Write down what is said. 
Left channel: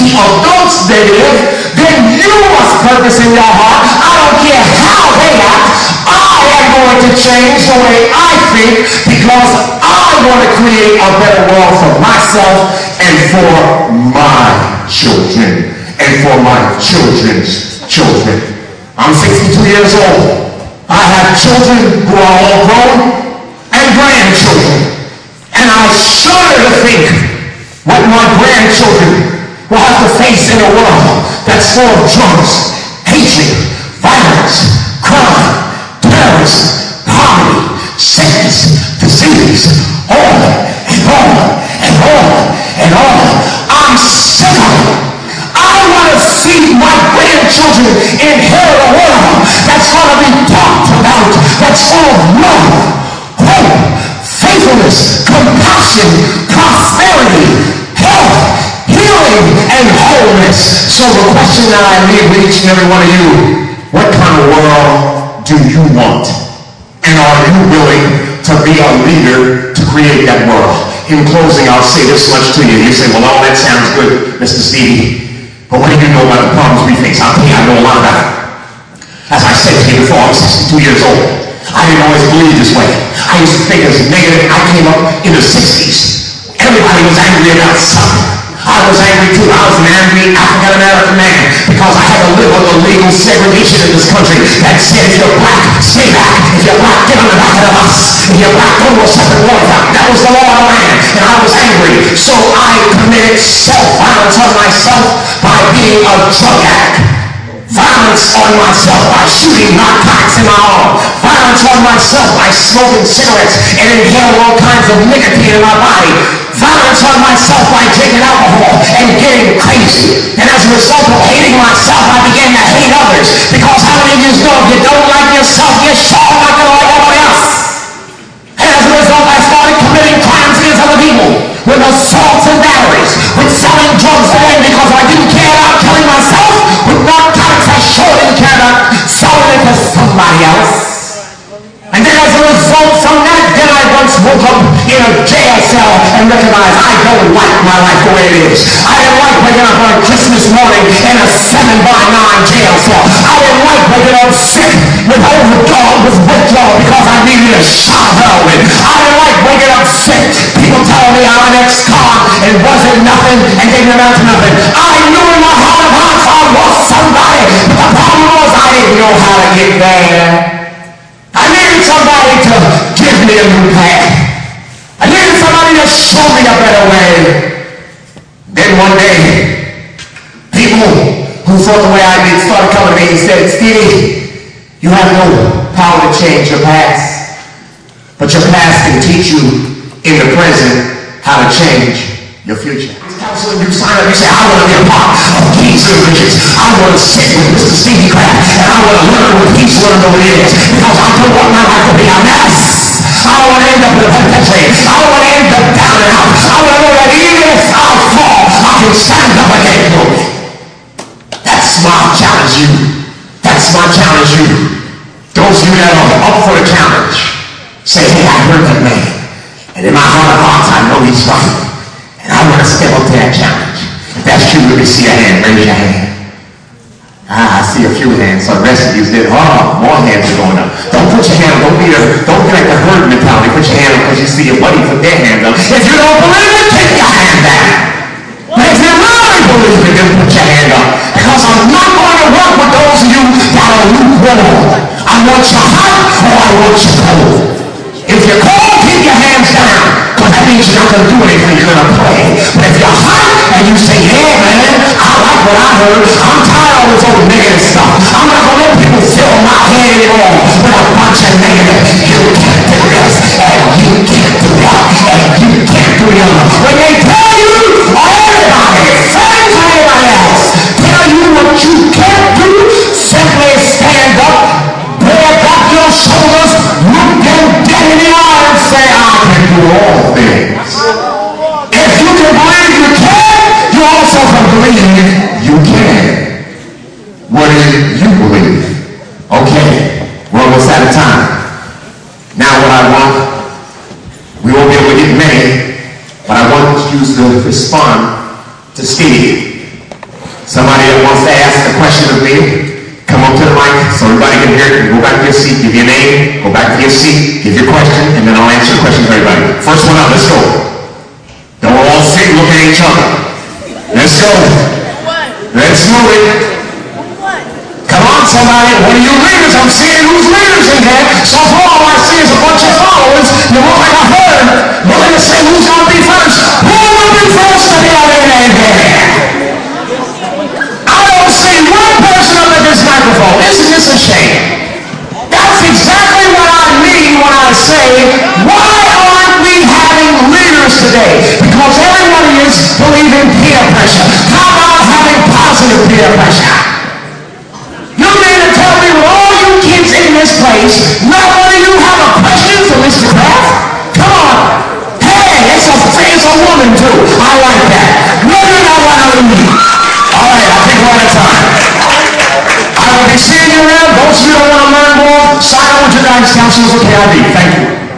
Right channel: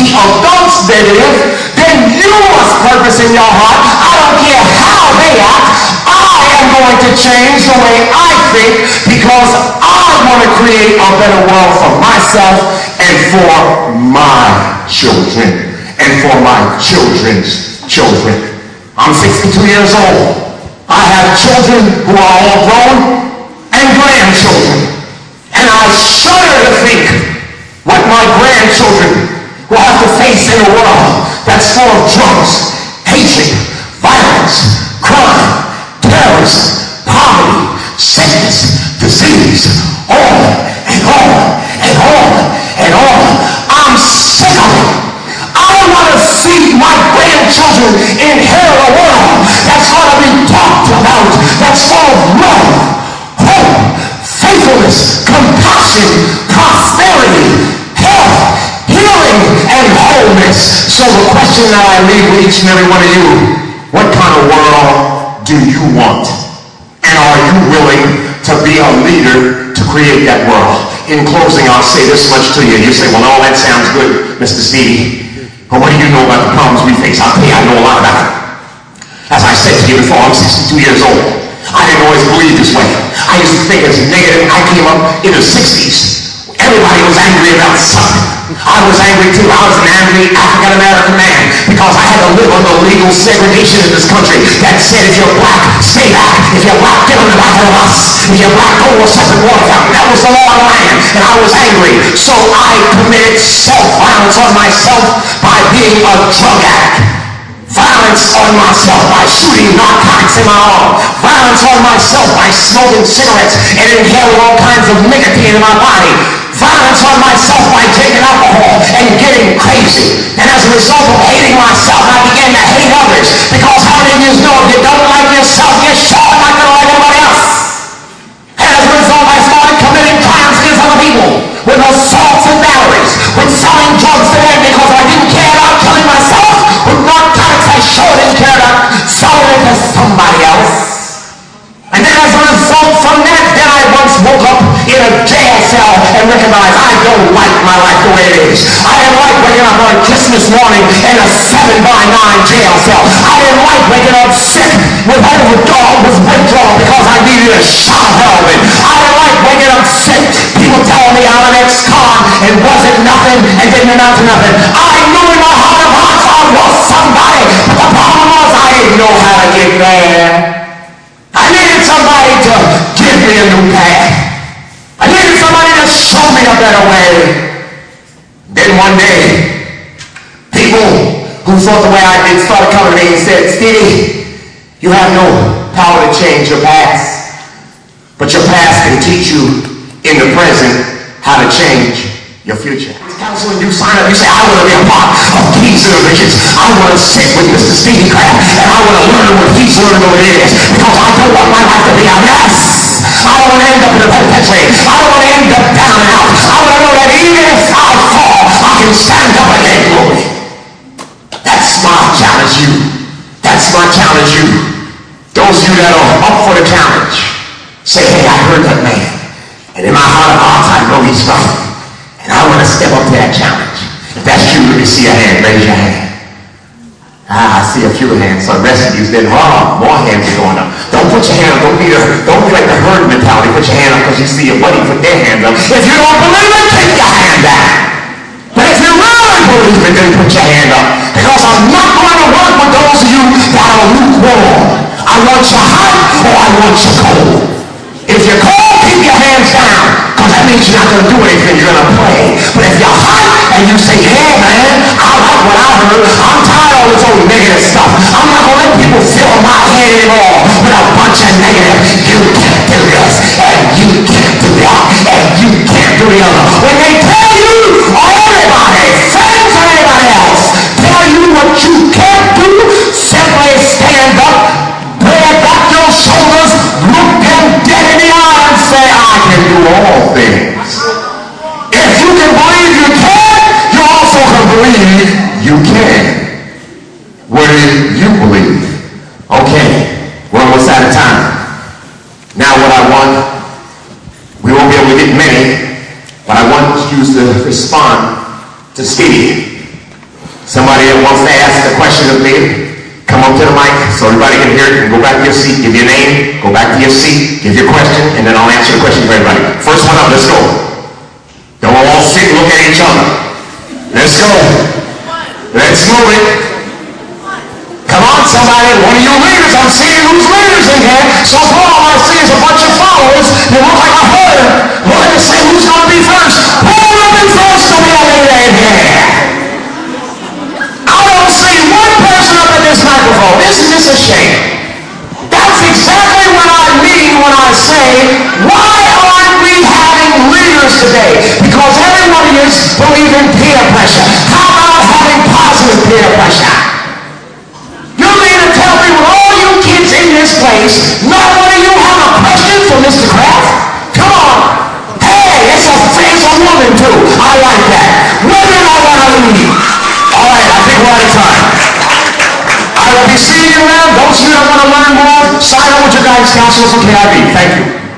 see adults negative, then you must purpose in your heart, I don't care how they act, I am going to change the way I think because I want to create a better world for myself and for my children and for my children's children. I'm 62 years old. I have children who are all grown and grandchildren. And I shudder to think what my grandchildren will have to face in a world that's full of drugs, hatred, violence, crime, terrorism, poverty, sickness, disease, on and on and on and on. I'm sick of it. I want to see my grandchildren inherit a world that's going to be talked about, that's full of love, hope, faithfulness, compassion, prosperity, health, healing, and wholeness. So the question that I leave with each and every one of you, what kind of world do you want? And are you willing to be a leader to create that world? In closing, I'll say this much to you. You say, well, all that sounds good, Mr. Stevie. But what do you know about the problems we face? I'll tell you, I know a lot about it. As I said to you before, I'm 62 years old. I didn't always believe this way. I used to think as negative. I came up in the 60s. Everybody was angry about something. I was angry too. I was an angry African-American man because I had to live under legal segregation in this country that said if you're black, stay back. If you're black, get on the back of the bus. If you're black, go to a separate water fountain. That was the law of the land, and I was angry. So I committed self-violence on myself by being a drug addict. Violence on myself by shooting narcotics in my arm. Violence on myself by smoking cigarettes and inhaling all kinds of nicotine in my body. Violence on myself by drinking alcohol and getting crazy. And as a result of hating myself, I began to hate others. Because how many of you know if you don't like yourself, you're sure not going to like anybody else? And as a result, I started committing crimes against other people. With assaults and batteries. With selling drugs to them because I didn't care about killing myself. With narcotics, I sure didn't care about selling it to somebody else. And then as a result from that, then I once woke up in a jail cell and recognized I don't like my life the way it is. I didn't like waking up on Christmas morning in a 7x9 jail cell. I didn't like waking up sick with withdrawal because I needed a shot of heroin. I didn't like waking up sick. People telling me I'm an ex-con and wasn't nothing and didn't amount to nothing. I knew in my heart of hearts I was somebody. But the problem was I didn't know how to get there. I needed somebody to give me a new path. I needed somebody to show me a better way. Then one day, people who thought the way I did started coming to me and said, Stevie, you have no power to change your past, but your past can teach you in the present how to change your future. Counseling, you sign up, you say, I want to be a part of these individuals. I want to sit with Mr. Stevie Kraft and I want to learn what he's learned over the years because I don't want my life to be a mess. I don't want to end up in the penitentiary. I don't want to end up down and out. I want to know that even if I fall, I can stand up again. Glory. That's my challenge, you. That's my challenge, you. Those of you that are up for the challenge, say, hey, I heard that man. And in my heart of hearts, I know he's right. And I want to step up to that challenge. If that's you, let me see a hand. Raise your hand. I see a few hands. So the rest of you did. Oh, more hands are going up. Don't put your hand up. Don't be like the herd mentality. Put your hand up because you see your buddy put their hand up. If you don't believe it, take your hand down. But if you really believe it, then put your hand up. Because I'm not going to work with those of you that are lukewarm. I want you hot or I want you cold. If you're cold, keep your hands down. Because that means you're not going to do anything. You're going to pray. But if you're hot and you say, yeah, man, I like what I heard. I'm tired of all this old negative stuff. I'm not going to let people fill my head anymore with a bunch of negative. You can't do this. And you can't do that. And you can't do the other. When they tell you, or everybody, friends or anybody else, tell you what you can't do, simply stand up, bear back your shoulders, look them dead in the eye and say, I can do all things. If you can believe you can, you also can believe you can. What do you believe? Okay, we're almost out of time. Now what I want, we won't be able to get many, but I want you to respond to Stevie. Somebody that wants to ask a question of me, come up to the mic so everybody can hear it. Go back to your seat, give your name, go back to your seat, give your question, and then I'll answer the question for everybody. First one up, let's go. Then we'll all sit and look at each other. Let's go. Let's move it. Come on, somebody. One of you leaders, I'm seeing who's leaders in here. So far, all I see is a bunch of followers. You look like a herd. We're going to say who's going to be first. Who will be first to be over here? I don't see one person up at this microphone. Isn't this a shame? That's exactly what I mean when I say, why aren't we having leaders today? Because everybody is believing peer pressure. How about having positive peer pressure? You mean to tell me with all you kids in this place, not one of you have a question for Mr. Kraft? Come on. Hey, it's a woman too. I like that. Women are what I need. All right, I think we're out of time. I will be seeing you around. Those of you that want to learn more, sign up with your guidance counselors for KIV. Thank you.